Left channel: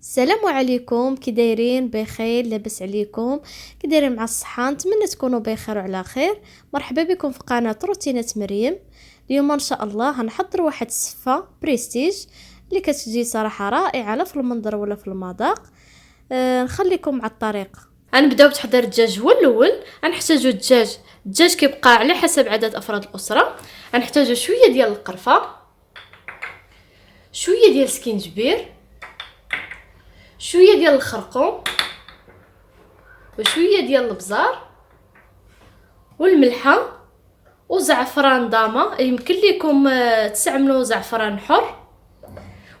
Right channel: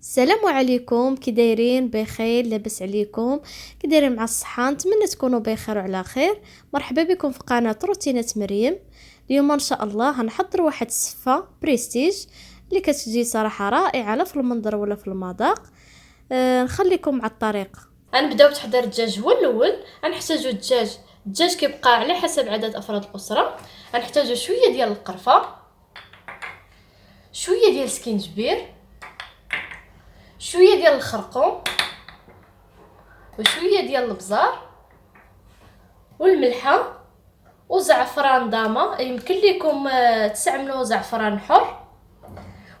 السلام عليكم، كي دايرين؟ بخير؟ لاباس عليكم؟ كي دايرين مع الصحه؟ نتمنى تكونوا بخير وعلى خير. مرحبا بكم في قناه روتينات مريم. اليوم ان شاء الله هنحضر واحد السفه بريستيج اللي كتجي صراحه رائعه لا في المنظر ولا في المذاق. نخليكم مع الطريقه. غنبداو بتحضير الدجاج. هو الاول غنحتاجو الدجاج كيبقى على حسب عدد افراد الاسره. غنحتاجو شويه ديال القرفه، شويه ديال السكينجبير، شويه ديال الخرقوم، وشويه ديال البزار والملحه وزعفران داما. يمكن لكم تستعملوا زعفران حر،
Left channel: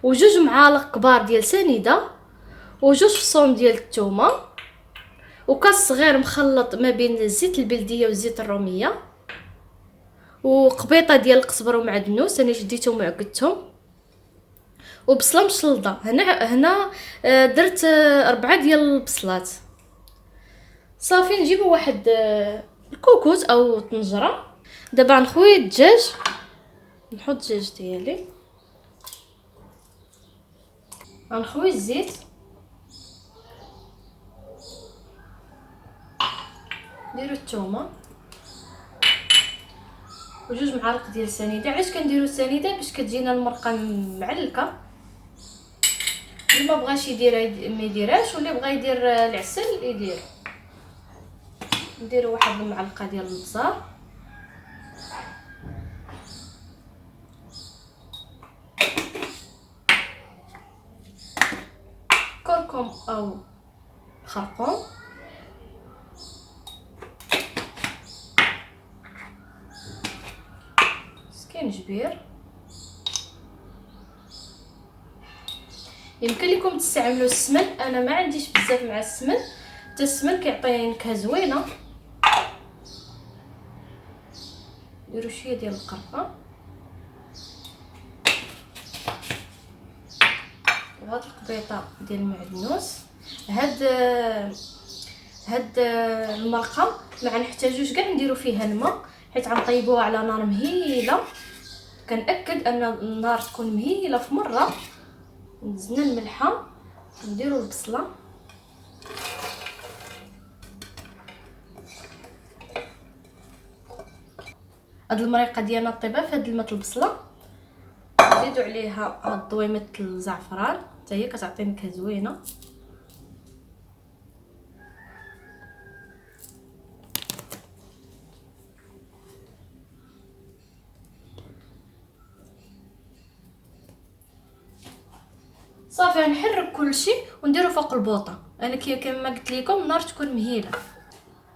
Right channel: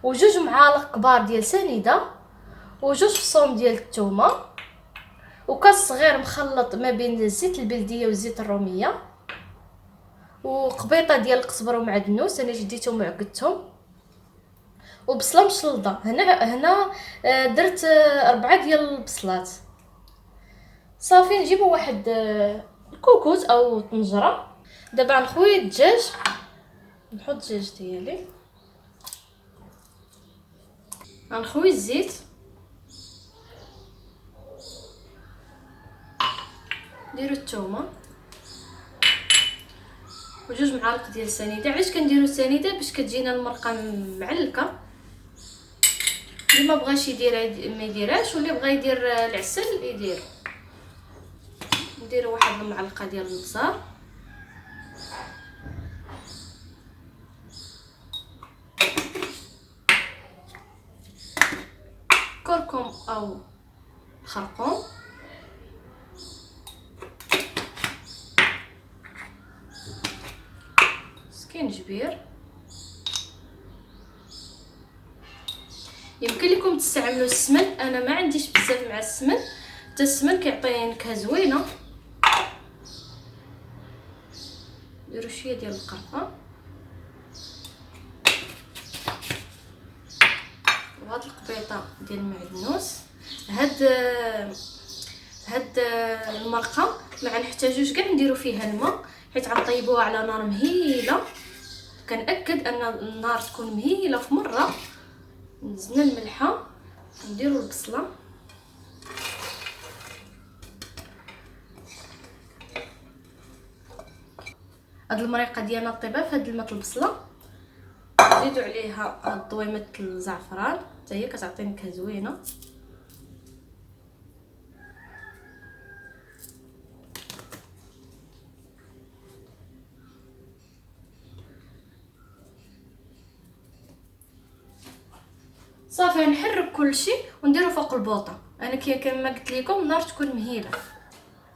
وجوج معالق كبار ديال سنيده، وجوج فصوم ديال الثومه، وكاس صغير مخلط ما بين الزيت البلديه والزيت الروميه، وقبيطه ديال القزبر ومعدنوس انا شديتهم وعقدتهم، وبصله مشلضه. هنا درت 4 ديال البصلات. صافي نجيبوا واحد الكوكوز او طنجره. دابا نخوي الدجاج، نحط الدجاج ديالي، غنخوي الزيت، نديرو الثومه وجوج معالق ديال سنيده. علاش كنديرو السنيده؟ باش كتجينا المرقه معلكه. اللي ما بغاش يدير ما يديرهاش، واللي بغى يدير العسل يدير. نديرو واحد المعلقه ديال البزار، كركم او خرقوم، سكينجبير. يمكن لكم تستعملوا السمن، انا ما عنديش بزاف مع السمن، حتى السمن كيعطي نكهه زوينه. نديروا شويه ديال القرفه، وهاد القبيطه ديال المعدنوس. هاد المرقه ما غنحتاجوش كاع نديرو فيها الماء، حيت غنطيبوها على نار مهيله. كنأكد ان النار تكون مهيله في مره. نزلنا الملحه، نديرو البصله، هاد المريقه ديالنا طيبه في هاد الماء البصله. نزيدو عليها هاد ضويمه الزعفران، حتى هي كتعطي نكهه زوينه. صافي غنحرك كلشي ونديرو فوق البوطه. انا كما قلت لكم النار تكون مهيله.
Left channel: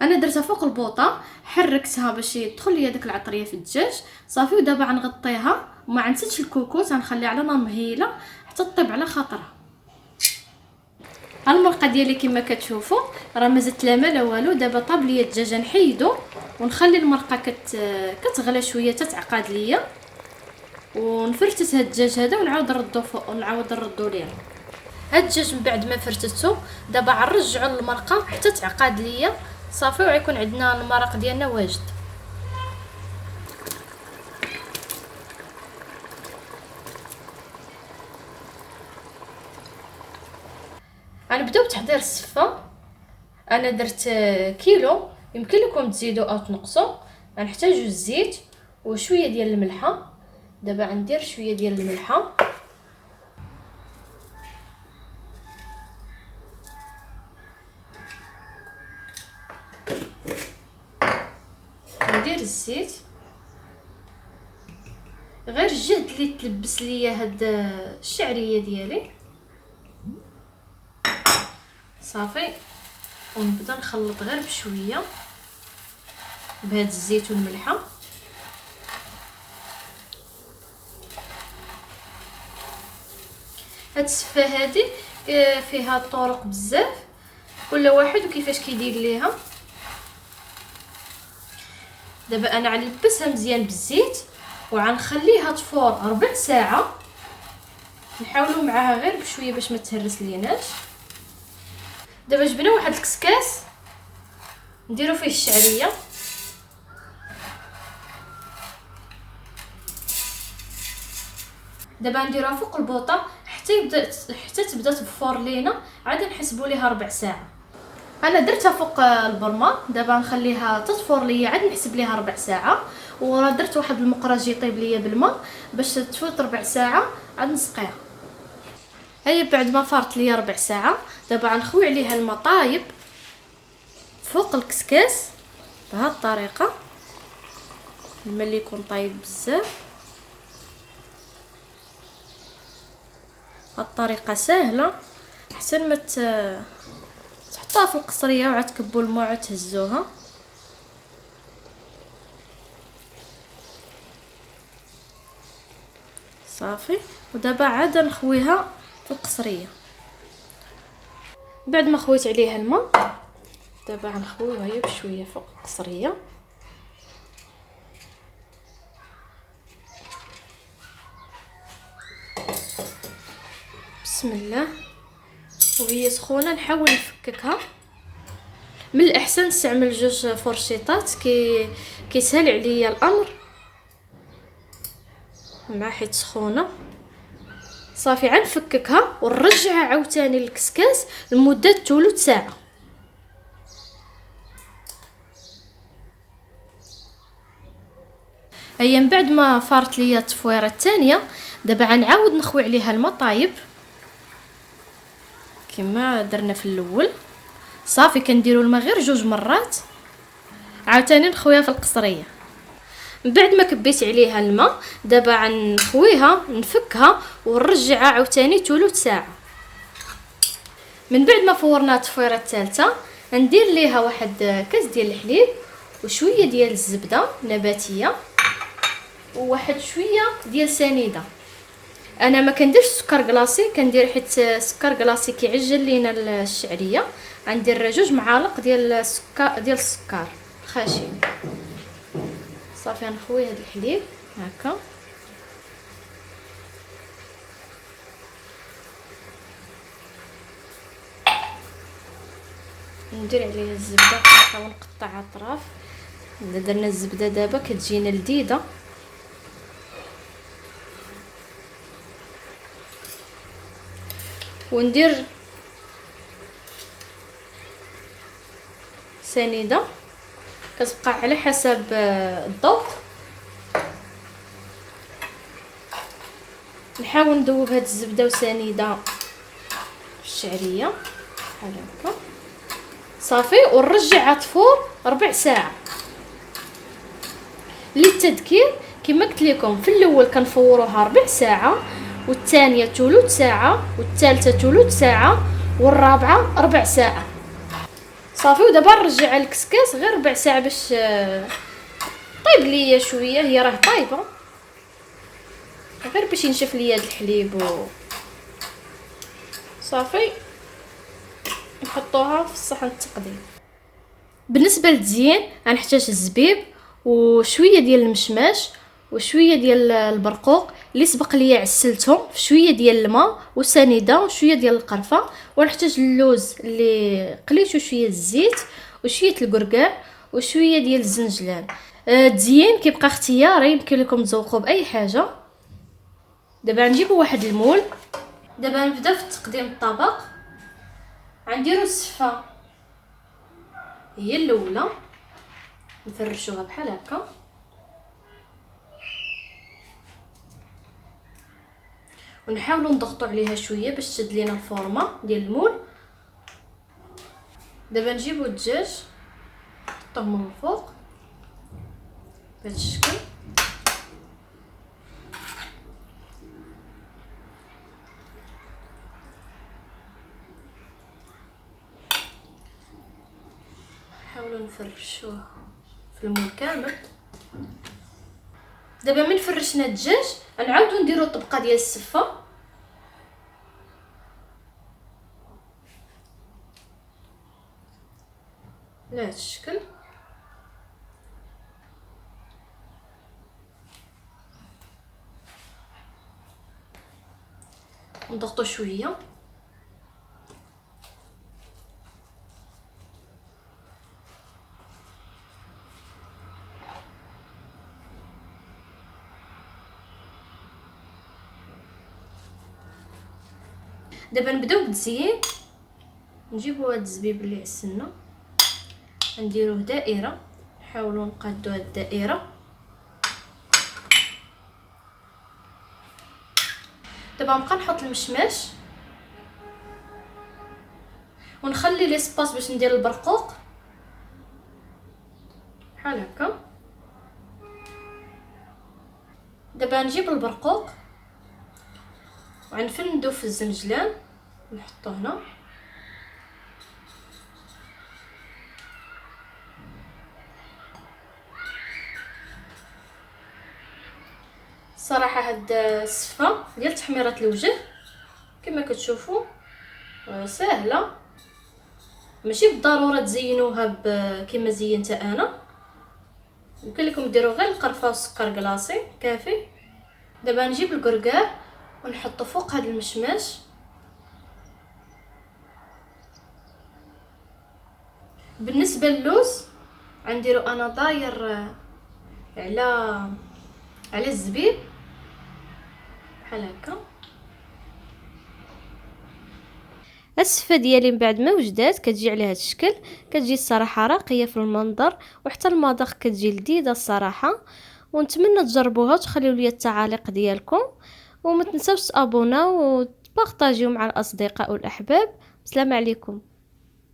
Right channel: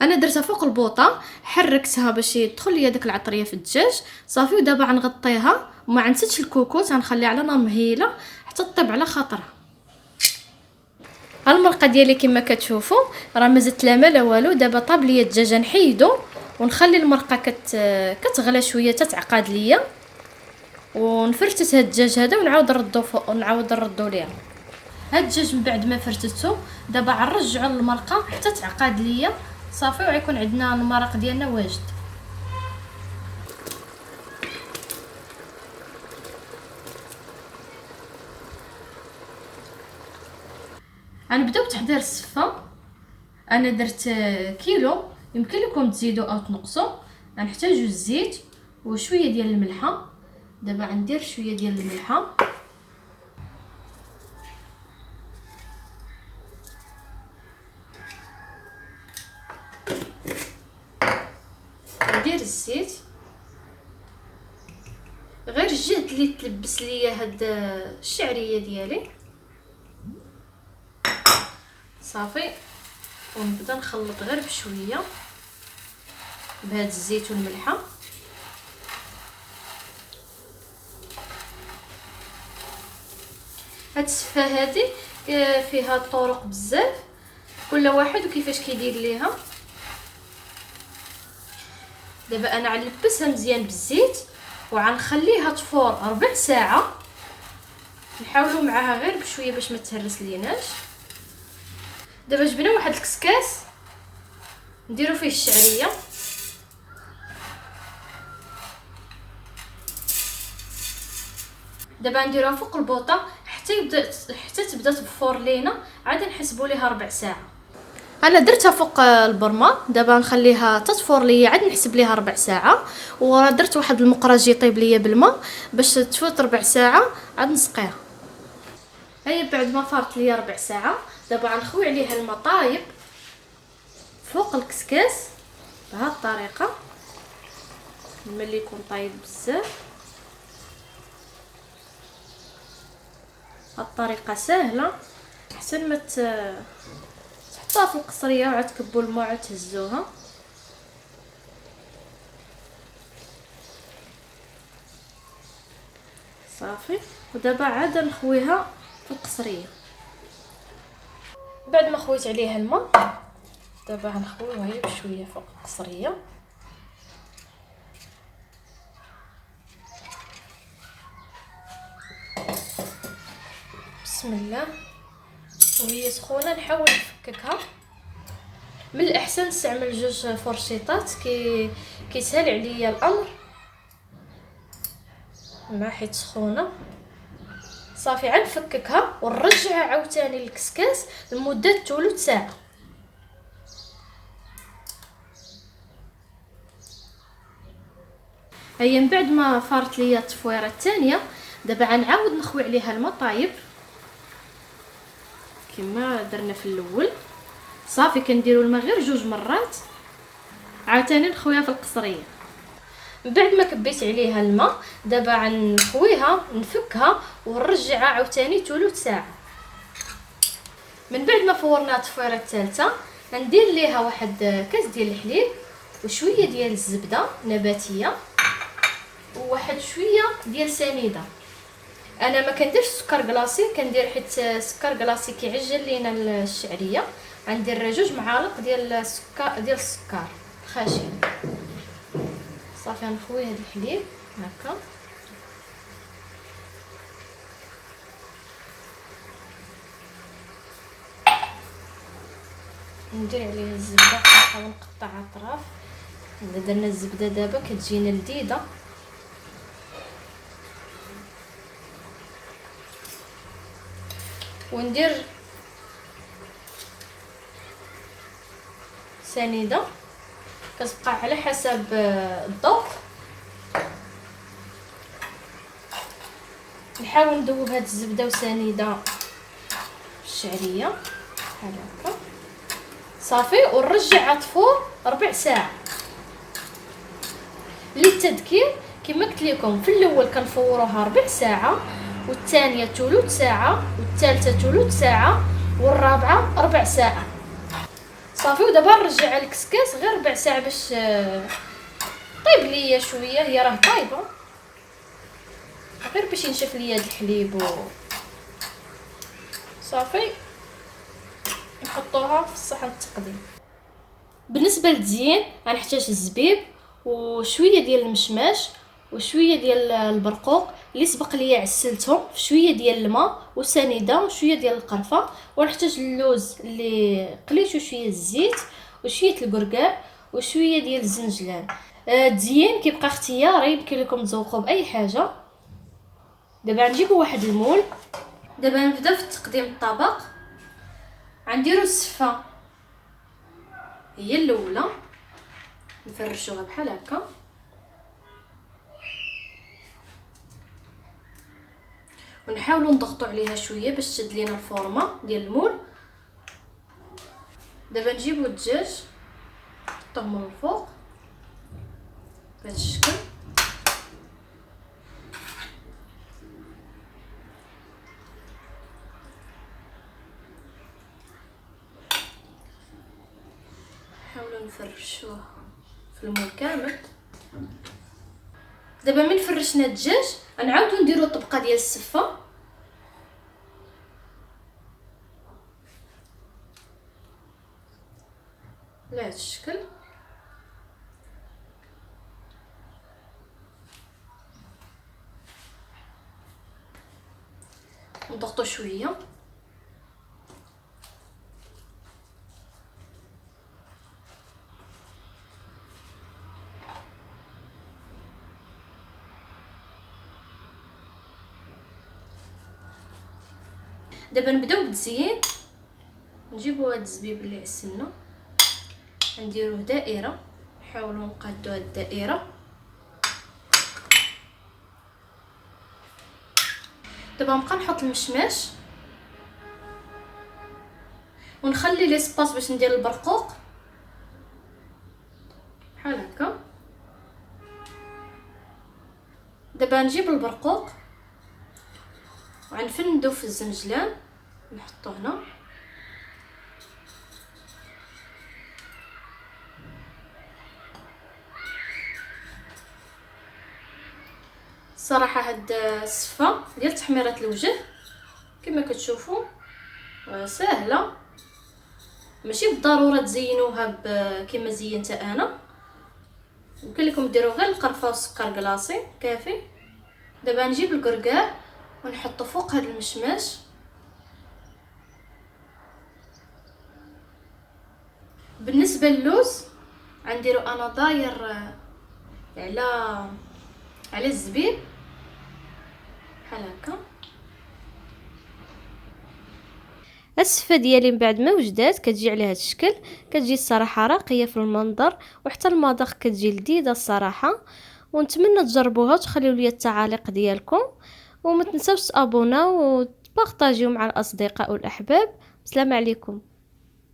انا درتها فوق البوطه، حركتها باش يدخل ليا داك العطريه في الدجاج. صافي ودابا غنغطيها وما نسيتش الكوكوط، غنخليها على نار مهيله حتى طيب على خاطرها. المرقه ديالي كما كتشوفوا راه ما زدت لا ما لا والو. دابا طاب ليا الدجاج، نحيدو ونخلي المرقه كتغلى شويه تتعقد ليا، ونفرتت هاد الدجاج هذا ونعاود نردو ليه. هاد الدجاج من بعد ما فرتته دابا غنرجعو للمرقه حتى تعقد ليا. صافي وغيكون عندنا المرق ديالنا واجد. غنبداو بتحضير السفه. انا درت كيلو، يمكن لكم تزيدوا او تنقصوا. غنحتاجو الزيت وشويه ديال الملحه. دابا غندير شويه ديال الملحه، ندير الزيت، غير الجهد اللي تلبس ليا هاد الشعريه ديالي. صافي ونبدا نخلط غير بشويه بهاد الزيت والملحه. هاد السفه هادي فيها طرق بزاف، كل واحد وكيفاش كيدير ليها. دابا انا غنلبسها مزيان بالزيت وغنخليها تفور 4 ساعه. نحاولوا معاها غير بشويه باش ما تهرس ليناش. دابا جبنا واحد الكسكاس نديرو فيه الشعريه، دابا نديروها فوق البوطه حتى تبدا تبفور لينا، عاد نحسبوا ليها ربع ساعه. انا درتها فوق البرمه، دابا نخليها تطفور ليا عاد نحسب ليها ربع ساعه. ودرت واحد المقراج يطيب ليا بالماء باش تفوت ربع ساعه عاد نسقيها. هيا بعد ما فارت ليا ربع ساعه دابا غنخوي عليها الماء طايب فوق الكسكاس بهذه الطريقه. الماء اللي يكون طايب بزاف، هاد الطريقه سهله احسن ما تحطوها في القصريه وعاد تكبوا الماء وعاد تهزوها. صافي، ودابا عاد نخويها في القصريه. بعد ما خويت عليها الماء دابا غنخويوها هي بشويه فوق القصريه. بسم الله. وهي سخونه نحاول نفككها. من الاحسن نستعمل جوج فرشيطات كيسهل عليا الامر مع حيت سخونه. صافي غنفككها ونرجعها عاوتاني للكسكاس لمده ثلث ساعه. هيا من بعد ما فارت ليا التفويره الثانيه دابا غنعاود نخوي عليها الماء طايب كما درنا في الاول. صافي كنديروا الماء غير جوج مرات عاوتاني نخويها في القصريه. من بعد ما كبيت عليها الماء دابا غنخويها نفكها ونرجعها عاوتاني ثلث ساعه. من بعد ما فورنا التفويره الثالثه ندير ليها واحد كاس ديال الحليب وشويه ديال الزبده نباتيه وواحد شويه ديال سنيده. انا ما كنديرش سكر كلاصي، كندير حيت السكر كلاصي كيعجل لينا الشعريه. غندير جوج معالق ديال السكر خاشن. صافي نخوي هذا الحليب هكا ندير عليه الزبده نحاول نقطع اطراف. اذا درنا الزبده دابا كتجينا لذيذه. وندير سنيده كتبقى على حسب الذوق. نحاول نذوب هاد الزبده وسنيده في الشعريه بحال هكا. صافي ونرجعها تفور ربع ساعه. للتذكير كما قلت لكم في الاول كنفوروها ربع ساعه، والثانيه ثلث ساعه، والثالثه ثلث ساعه، والرابعه ربع ساعه. صافي ودابا نرجع الكسكاس غير ربع ساعه باش طيب ليا شويه. هي راه طايبه غير باش ينشف ليا هذا الحليب صافي نحطوها في الصحن التقديم. بالنسبه للتزيين غنحتاج الزبيب وشويه ديال المشماش وشويه ديال البرقوق اللي سبق ليا عسلتهم في شويه ديال الماء وسنيده وشويه ديال القرفه. ونحتاج اللوز اللي قليته شويه الزيت وشويه الكركاع وشويه ديال الزنجلان. التزيين كيبقى اختياري، يمكن لكم تزوقوا باي حاجه. دابا نجيبوا واحد المول. دابا نبدا في تقديم الطبق. غنديروا السفه هي الاولى نفرشوها بحال هكا ونحاولوا نضغطوا عليها شويه باش تشد لينا الفورمه ديال المول. دابا نجيبوا الدجاج نحطوه من الفوق بهذا الشكل. نحاولوا نفرشوه في المول كامل. دابا من فرشنا الدجاج غنعاودوا نديروا الطبقه ديال السفه. بهذا الشكل. نضغطوا شويه دابا نبداو بالتزيين. نجيبو هاد الزبيب اللي عسلنا نديروه دائره، نحاولوا نقادو هاد الدائره. دابا نبقى نحط المشماش ونخلي لي سباس باش ندير البرقوق بحال هكا. دابا نجيب البرقوق وغنفندو في الزنجلان نحطو هنا. صراحه هاد الصفه ديال تحميره الوجه كما كتشوفوا سهله، ماشي بالضروره تزينوها كما زينتها انا. يمكن لكم ديروا غير القرفه والسكر كلاصي كافي. دابا نجيب الكركاع ونحطو فوق هذا المشماش. بالنسبه للوز غنديرو انا داير على الزبيب بحال هكا. السفه ديالي من بعد ما وجدات كتجي على هذا الشكل، كتجي الصراحه راقيه في المنظر وحتى المذاق كتجي لذيذه الصراحه. ونتمنى تجربوها وتخليو لي التعاليق ديالكم، وما تنساوش تابوناو وتبارطاجيو مع الاصدقاء والاحباب. السلام عليكم.